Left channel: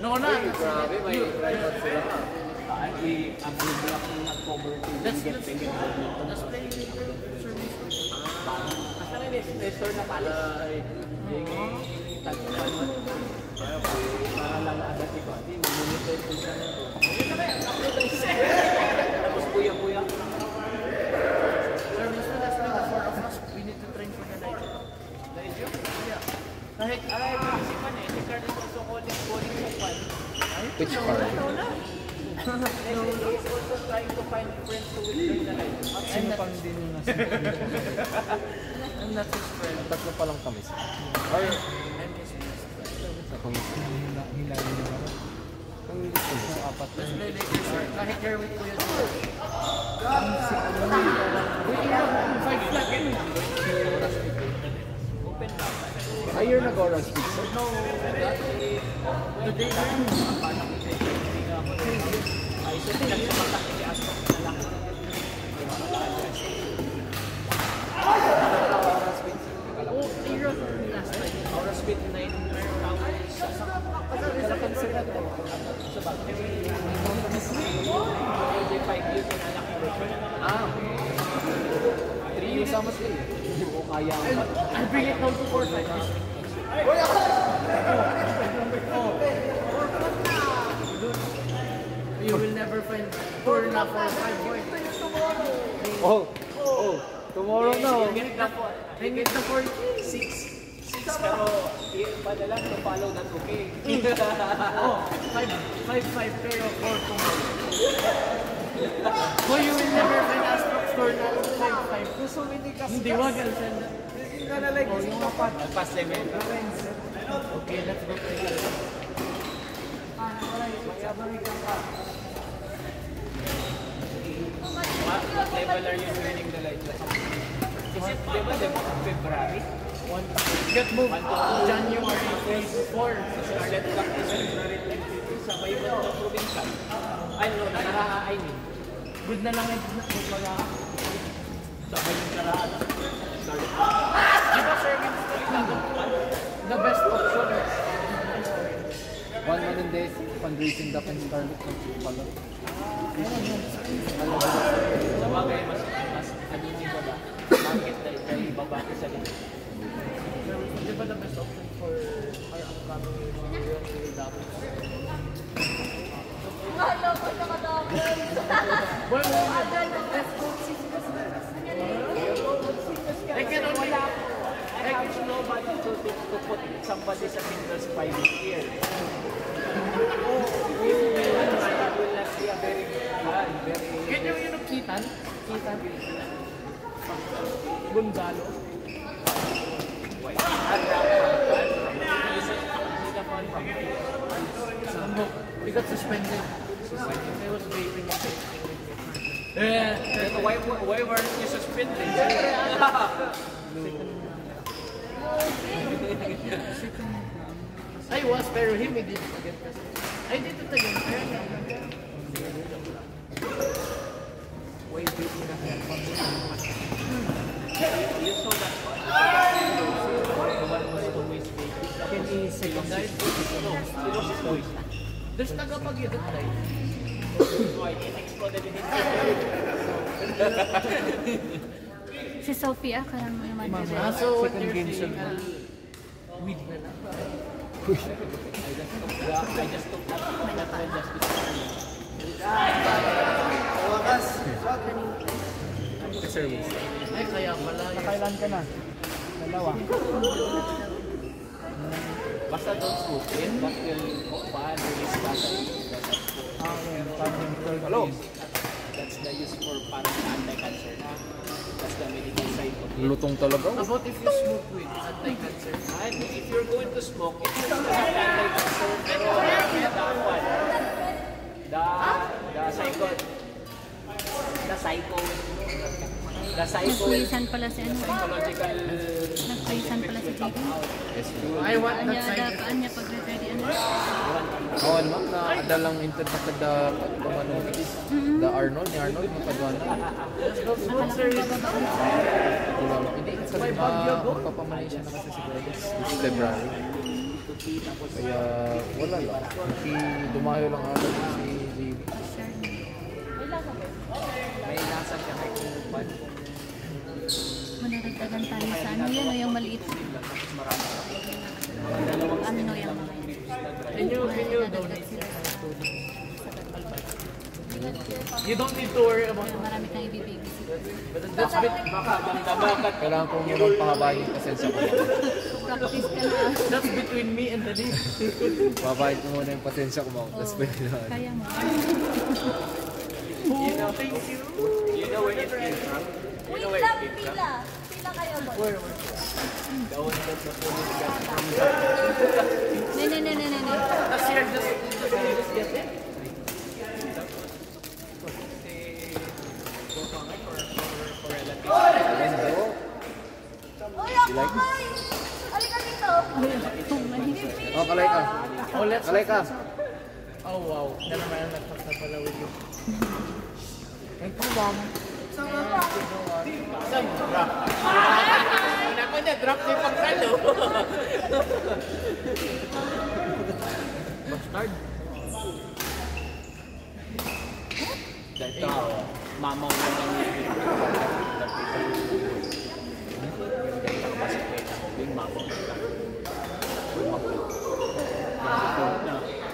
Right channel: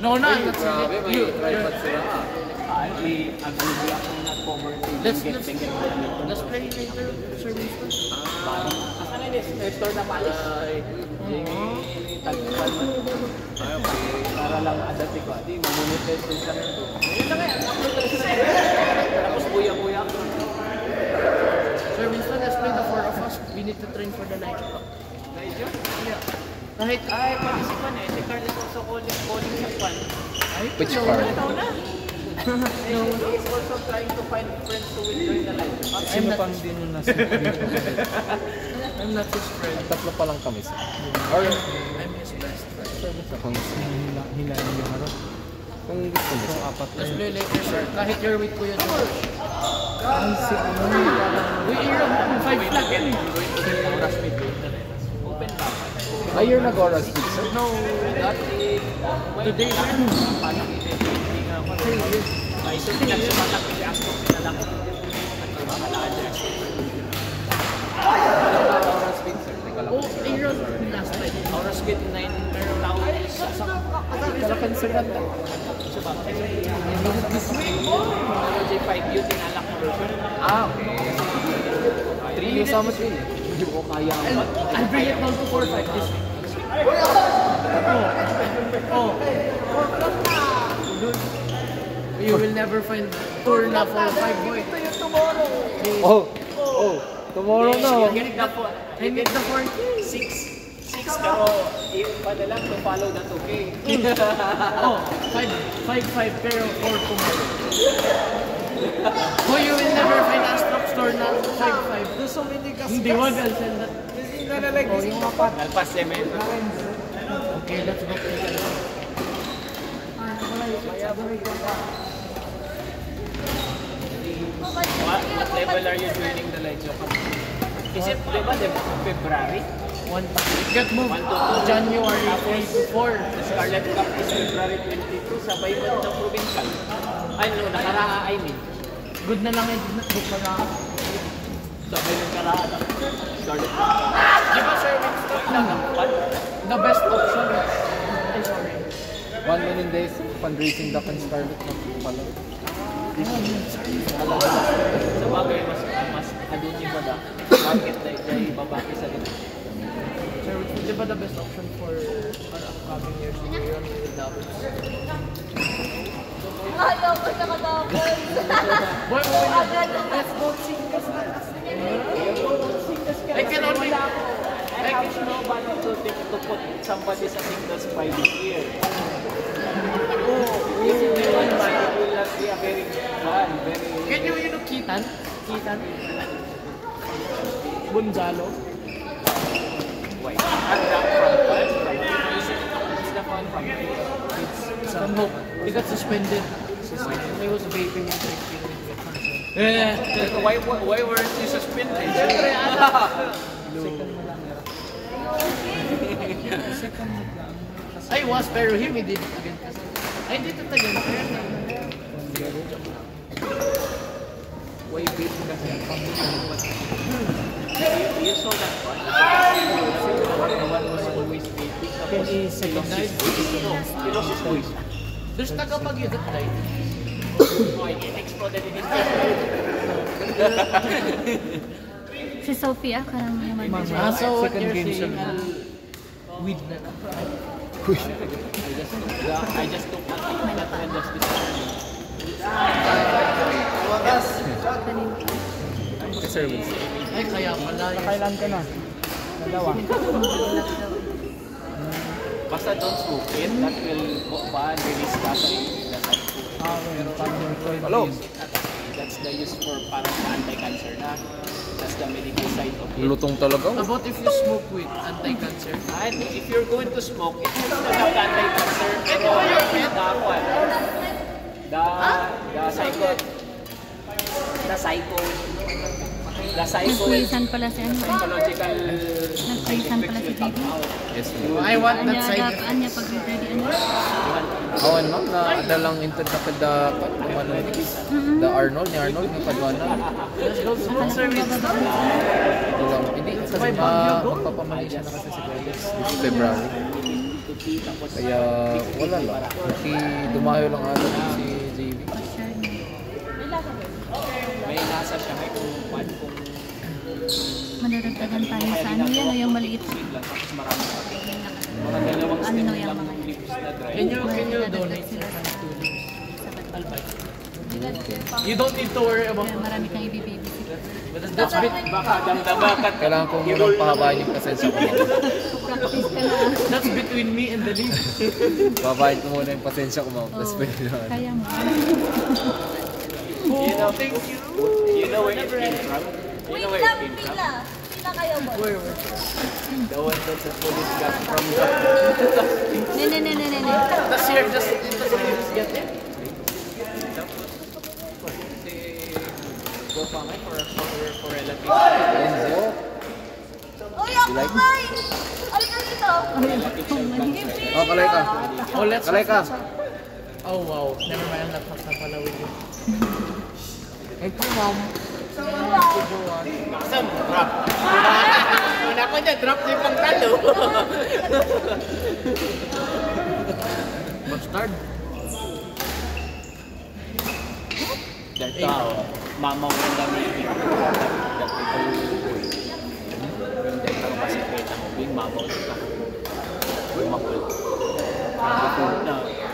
No, no, grabe, may tripod sila. Let's play later. Ito na pala. Para lang adati ko. Di, mamunita ito sa ito. Tapos buya-buya. Sir Winston, let's play the four of us. We need to train for the night. Kahit, Kasi man eh. Si Carl is also calling sa fan. Which card? He's also trying to find friends who will join the live. I'm not his friend. Tatlo pa lang kami. Oh, yeah. I'm his best friend. Kung gusto mo. Let's play later, sir. Kahit you're with Kuya George. Uy, you're 5 flat in. Open lang. Ay, you're nag-oral speak, sir? No, today, Ay, so pinagsimanak ni Astro. Alam ko. Oral speak, sir? oh, Aaron last time. Aura speed 9 tao. Kalakan sir na tayo. So ba? J5 yun, tinalak na version. Okay. 3 years almost really. Hindi ko kaya ang I'll bring it down to 4 like this. Oh. You will never find tour na for 5 boy. Tomorrow na. I need the 4. 6 pero yung pa lang follow the 2K. Oh, 5 pero 4 tomorrow. So you will never find a stock store na 5. There's so many customers. Hindi wag ang send. Oh, yung apat. Alpas yan eh. Okay, let's go. What level are you joining the live show? Is it, di ba, February? Get moved. January 3 to 4. The Scarlet Cup is February 22. Sabay mo ng provincial. Ay, no, nakaraan, I mean. Good na lang eh. Good na lang. Sabay yung karaan ng Scarlet Cup. Di ba sir, the best option is orange. One million days fundraising the Scarlet pala. Sa bagay, mas ano niyo ba da? Bakit dahil babaki sa ganun? Sir, di ba the best option for our upcoming years? Alam ko nakatapos. I can only... I can know about to put somebody sa singles private here. If they want to, it will not be a very fun, very... Can you know Kitan? Gonzalo? Why? Not that fun. Is the fun from No, he got suspended. He was vaping and drinking. Why weren't you suspended? I was, pero him, he did it again. I did it again. Why vaping kasi? You saw that one? The one was always vaping. Tapos he lost his voice. No, he lost his voice. There's Tagapagyo that time. Oh, it exploded in his head. Si Sophia, karang naman. So what you're saying, weed na lang. I just took that friend just Service. Ay, kaya pala. Kailan ka na? Dalawa. Basta don't smoke it, that will ban release battery. Hello. That's the use for parang anti-cancer na. That's the medical side of it. Lutong talaga. About if you smoke weed, anti-cancer. And if you're going to smoke, it will still have anti-cancer. Pero the psycho. Nag-quizzan pala si ano. psychological Nag-quizzan pala si JB. Yes, I want that Anya, side. adapaan niya pag ready ano. awan ma'am, na adalang inter na kada kumanon the Arnold, ni Arnold na kadwana. Akala ko bababaan siya. Hindi, kasi magpapamali siya na kasi si Guedes this February. Kaya wala lang. Kasi dumayo lang ata si JB. Pa-share niya. may nasa siya may kung Madadagdagan tayo sa ano yan o yung maliit. Ano yung mga yan. Madadagdag sila sa Batbal. You don't need to worry about Kaya marami kang i-babysit. that's bit. baka damdaman Kailangan ko munang pahabain yung pasensya ko. Practice ka na. That's between me and the league. Babahin ko muna yung pasensya ko ma'am. Tapos pwede na. Kaya mo. you know where it came from you know where it came from the one that the police got from the Ne. That's here, just get it. go for relatives Enzo. You like it? Ay, kung mali. Oh, kalay ka. Oh, let's. Kalay ka. Oh wow, never mind. Laptop na pala with you. Ito lang. Awesome, drop. Una ko niya, drop niya yung pangkalo. Bastard. Dahil tao, mamaw na lang yung hindi ka masikita mo, yung mamaw na lang.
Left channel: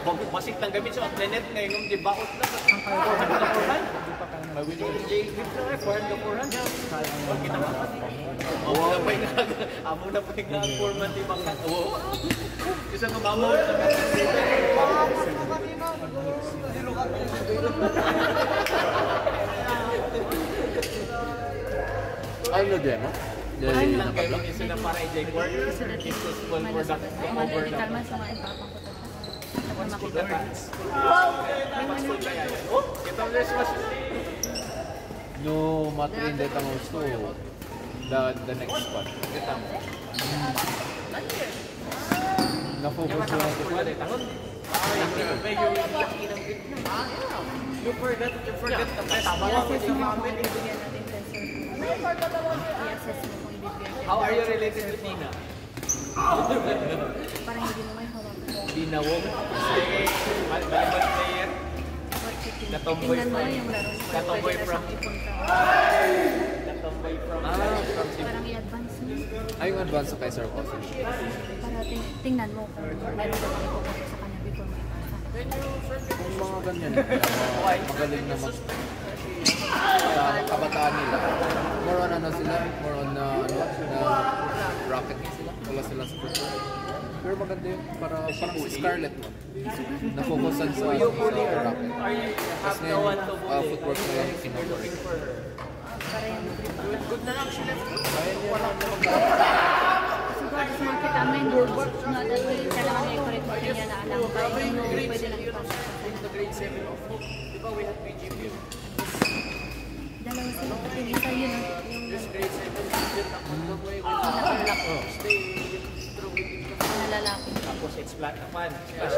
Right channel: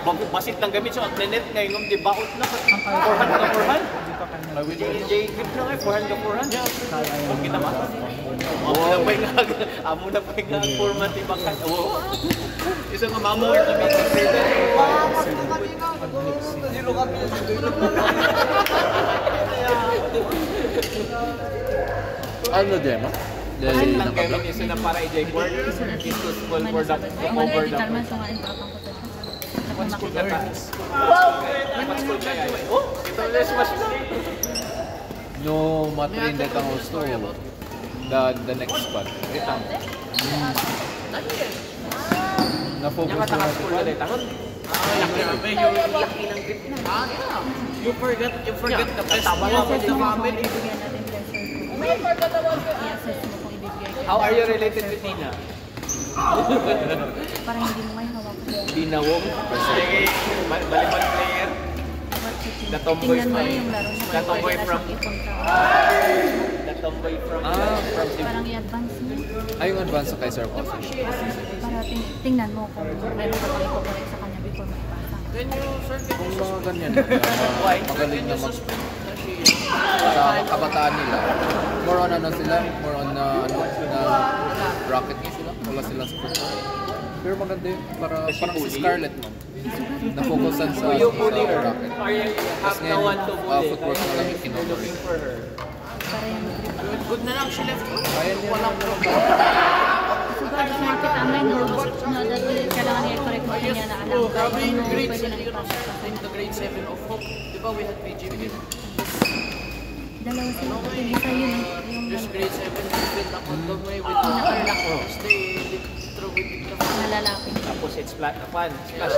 Basit lang gamit siya, at nenet na yung di baot na. 400 ka 400. J-grip na nga, 400 ka 400. Pag kita ba? Amo na pa yung format yung bangkat. Isa nga mamaw na lang. Ano din mo? Basit lang gamit yung sila para i-board. Sulat yung man edital man, so nga yung papang ko tapos. Tapos makita. Ito yung smash na. No matrin that ang gusto. The next spot. Ito. Na-focus ko na Nakatakas ko na tangan. You forgot the best. I-assess mo nga kung ibibigyan natin pressure ko. I-assess mo kung ibibigay ko. How are you related with Tina? Parang hindi mo may hawakan. Dinawong. Volleyball player. What you think? The tomboy Tingnan mo from- yung laro niya the kung tomboy pwede na from- siyang ipunta. The tomboy from from Parang i-advance mo. ay yung advance sa kay Sir Austin. Para tingnan mo kung meron ka pang ipokorek sa kanya before mo ipasa. Kung mga ganyan, magaling na mag sa kabataan nila. More on ano sila, more on na rocket sila. Wala sila sa football. Pero maganda yun, parang si Scarlett mo. Na-focusan sa rocket. Tapos ngayon, footwork na lang kinodor. Para yung grip lang. Good na lang, she left. Kaya nila lang naman Siguro gusto makita may no dati kailangan niya i-correct mo kanya na alam ba no pwede nang ipasa sa In kanya. the grade 7 of Hope, di ba we had PGP? Dalawa sila kasi isa yun yung Just grade 7, different account dog way with pinaka-black stay through with it. na lalaki. Tapos it's black na pan. Splash.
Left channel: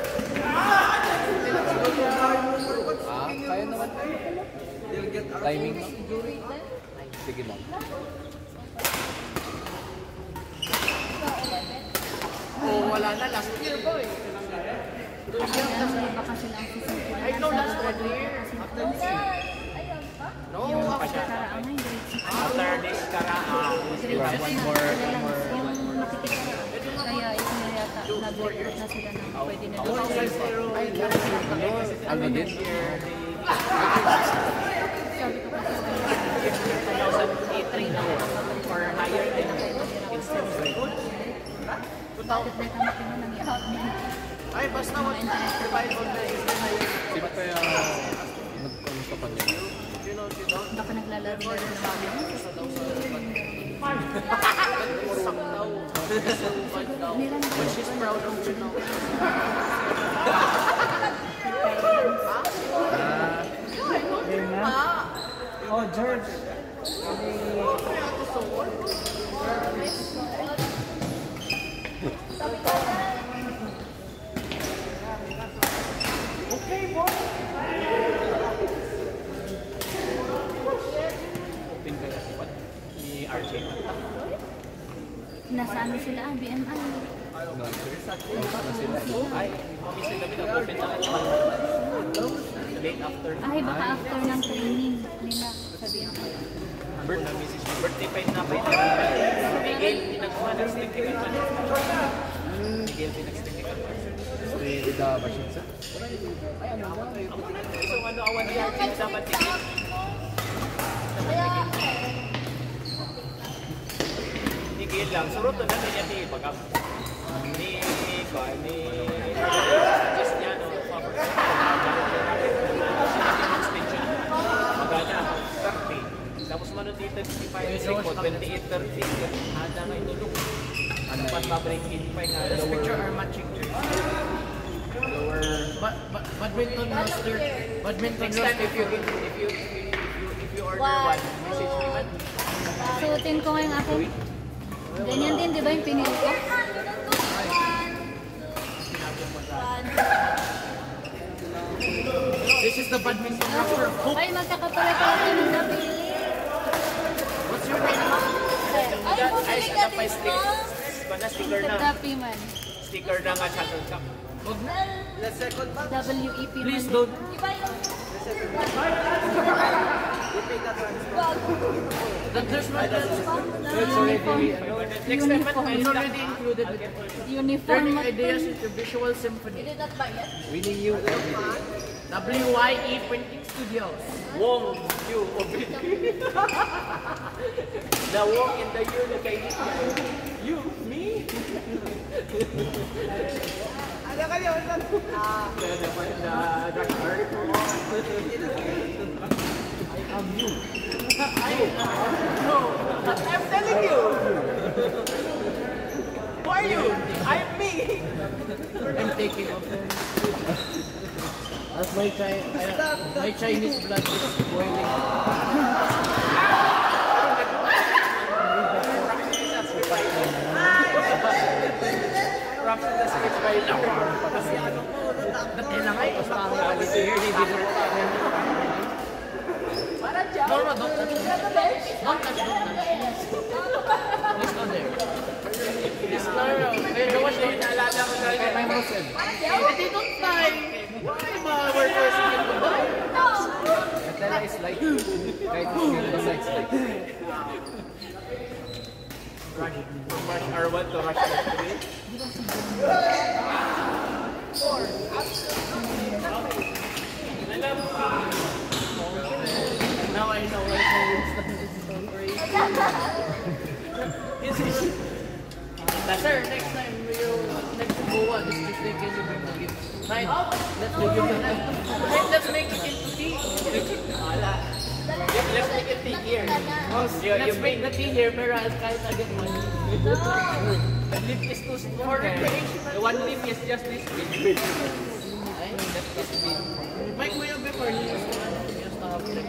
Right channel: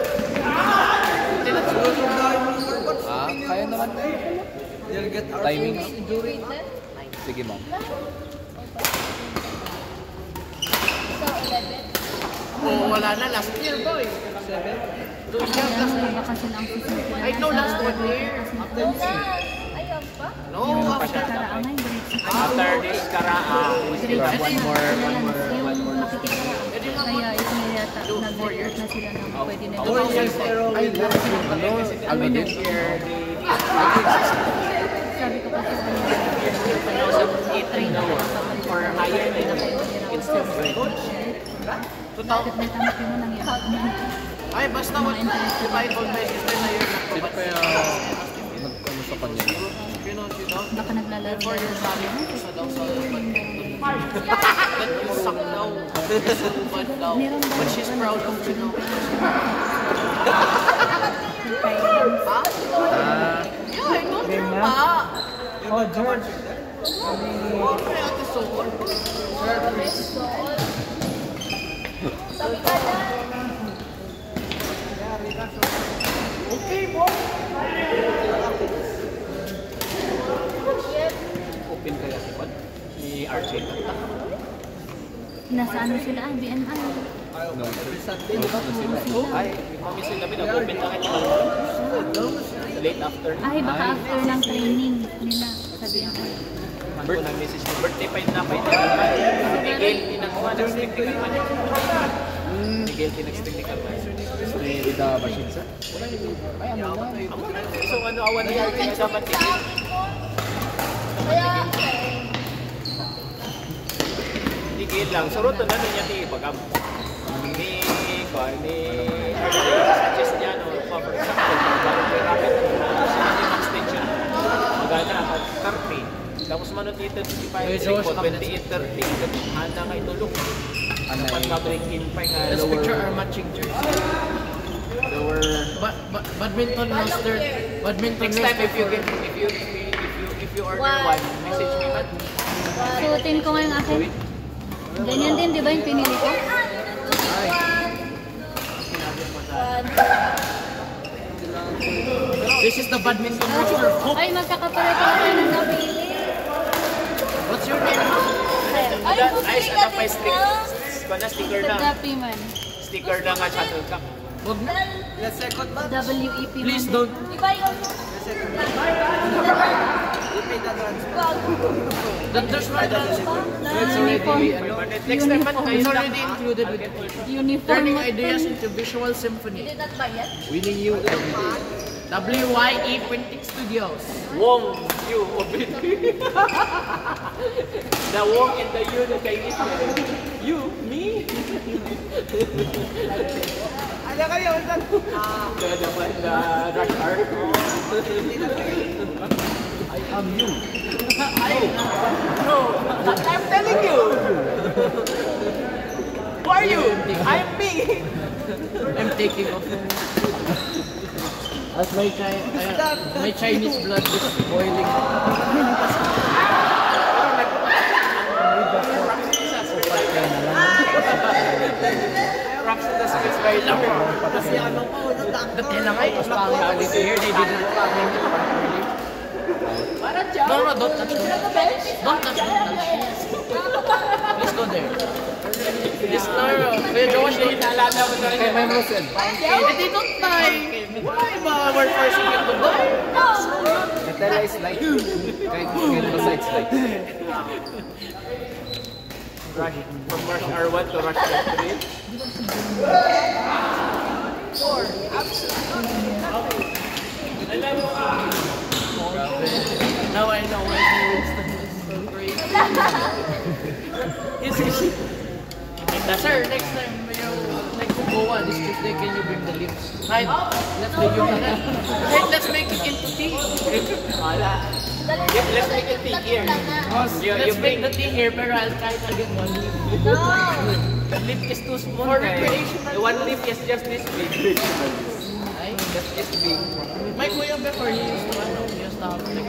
kaya naman. Timing. Sige ma'am. Oh, wala na. Last year ba eh? Yan, baka sila ang susunod I know nila last sa graduate year. kasi yung makikitaraang ay grade 6. After this karaa, Grade 6 na, sila lang. Yung makikitaraang. Kaya ito na yata, nag-recruit na sila ng pwede nila. Ay, ano din? Sabi ko kasi sa kanila, i-train ako ng kapalitan para hindi na kayo mahirapan sa spreadsheet. Bakit na tama kayo mo nangyari? Ay, basta Mga interested fight all day. Is there na yun? Sino kaya nag-ano sa kanila? Baka naglalaro-laro lang kami. Meron ba yung iba na i-coaching pa yung finance? Oh, George. Open kaya si Pat ni RJ. Nasa ano sila, BMI. Ay, mamising kami nag-open na kayo. Late after. Ay, baka after ng training nila sa BMI. Ano na message mo? Birthday pa yun na. Miguel, pinagawa ng technical management. Miguel, pinag-technical management. With the machine, sir? Ay, ano na? So, ano, awan na yan. Hindi dapat tigil. Tigil lang. Surot na niya ni Bagam. Ni suggest niya, no, for example, magana ako, 30. Tapos mano dito, 55, 28, 30. Handa nga itulog. Dapat mabalik team pa nga This lower. picture are matching jersey. Lower. Badminton master. Badminton Next time, if you order one, message me, man. Suotin ko ngayong akin. Ganyan din, di ba yung pinili ko? This is the badminton master. Ay, magkakapala pala tayo ng napili. What's your name? Ay, sa pa sticker Sa na. Dapi man. Sticker na nga shuttlecock. Wag na. WEP man. Please din. don't. There's no Uniform. It's already included with Uniform turning mo ideas to. into visual symphony. Winning you every day. WYE Printing Studios. Wong, you, Obit. The Wong and the you, the Chinese guy. You, me? Ano kayo? The rush hour. I'm you. I'm telling you. Who are you? I'm me. I'm taking off. As my Chinese blood is boiling. Rocks in the space right now. Kasi ano ko, kailangan ko sa quality here, they didn't No, don't touch me. Don't touch me. Please go there. This Kuya Josh, Naalala mo na rin. My mouse said, they don't die. Why ba? We're forcing them to die. the tela is light. Kahit the sides light. Rush from rush R1 to rush R3. Now I know why he was so crazy. Sir, next time you go on this Tuesday, can you bring the lips? Right, let's make it into tea. Wala. Let's make it tea here. Let's make the tea here, pero I'll try to get one lip. The lip is too small. For guys. recreation. The one lip is just this big. That's this big. My kuya before he used to have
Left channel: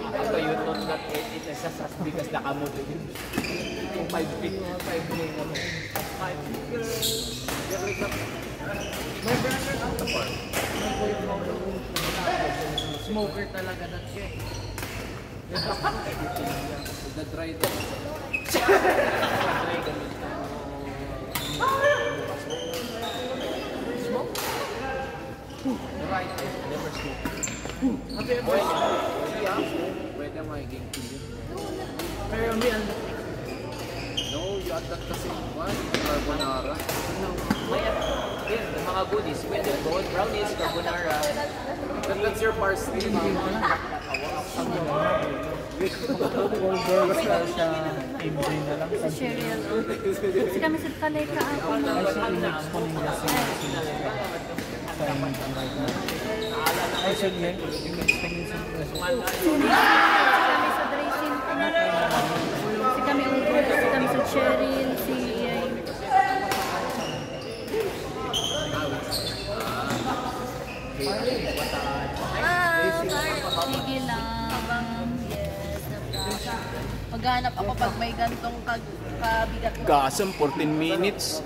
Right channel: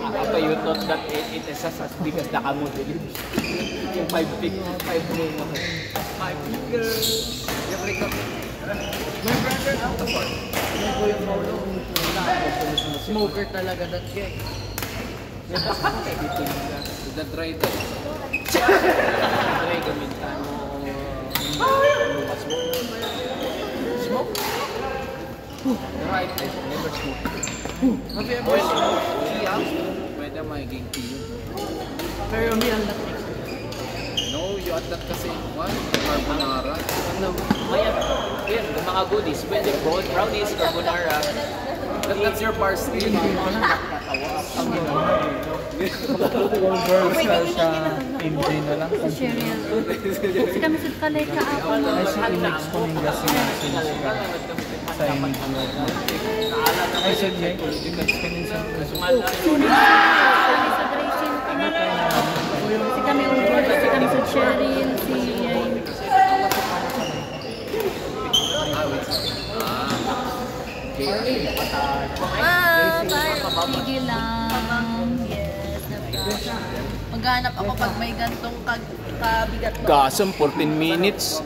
Ako, you thought that it is as big as the kamot. Yung 5 big, 5 big. My brother now, my kuya smoker talaga that guy. With the dry time. Try gamitin mo. Smoke? Pero I never smoke. Have you ever smoked? Pwede magiging tea yun. Pero me, I'm not. No, you add that kasi. What? Carbonara. Yan, yung mga goodies. Pwede brownies, carbonara. That's your parsley. Sa cereal. Kasi kami sa kalay ka ako na. Kami sa dressing ko na. Kasi kami over. Kasi kami sa cereal. Si Yay. Sige lang. Yes, na maghanap ako pag may gantong kabigat. Gasam, 14 minutes.